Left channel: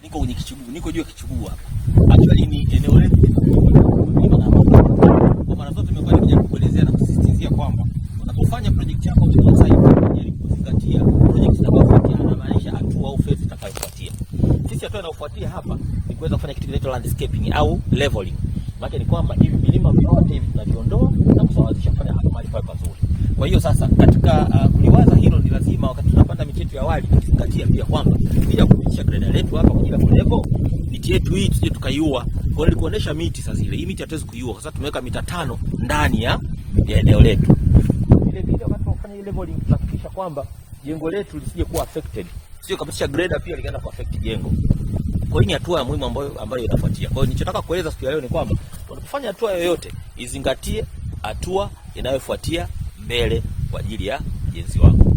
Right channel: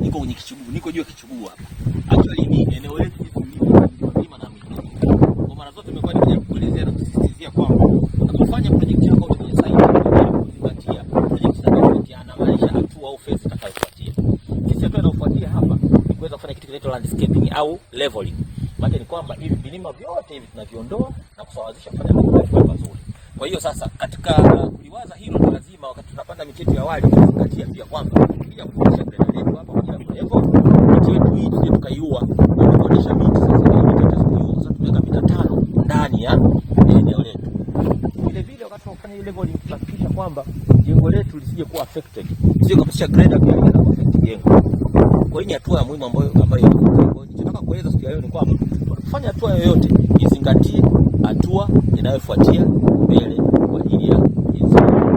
Niko kwenye kichuguu, niko juu ya kichuguu hapa. Actually ni eneo letu. Kwa maana zote tumekuwa nikikuelezea na kusisitizia kwamba unapofanya project yako kwenye site kuzingatia project inayofuatiana maanisha hatua au phase itakayofuatia. Sisi hatua inayofuatia hapa ni kuweza kufanya kitu kinaitwa landscaping au leveling. Maana ni kwamba hivi vilima vyote hivi tunaviondoa na kusawazisha pale pale pazuri. Kwa hiyo sasa katika kuliwaza hilo ni lazima wakati tunapanda miti yetu ya awali kuzingatia pia kwamba bila kuonyesha greda letu hapa kwa ajili ya level miti yetu hii tuje tukaiua. Kwa kuonesha miti sasa hii miti hatuwezi kuiua kwa sababu tumeweka mita 5 ndani ya eneo letu. Vile vile wakati tunafanya ile leveling tunahakikisha kwamba jengo letu lisije kuwa affected. Sio kabisa greda pia inaenda kuaffect jengo. Kwa hiyo ni hatua muhimu ambayo unafuatia. Kwa hiyo nilichotaka kueleza siku ya leo ni kwamba unapofanya hatua yoyote izingatie hatua inayofuatia mbele kwa ajili ya jengo.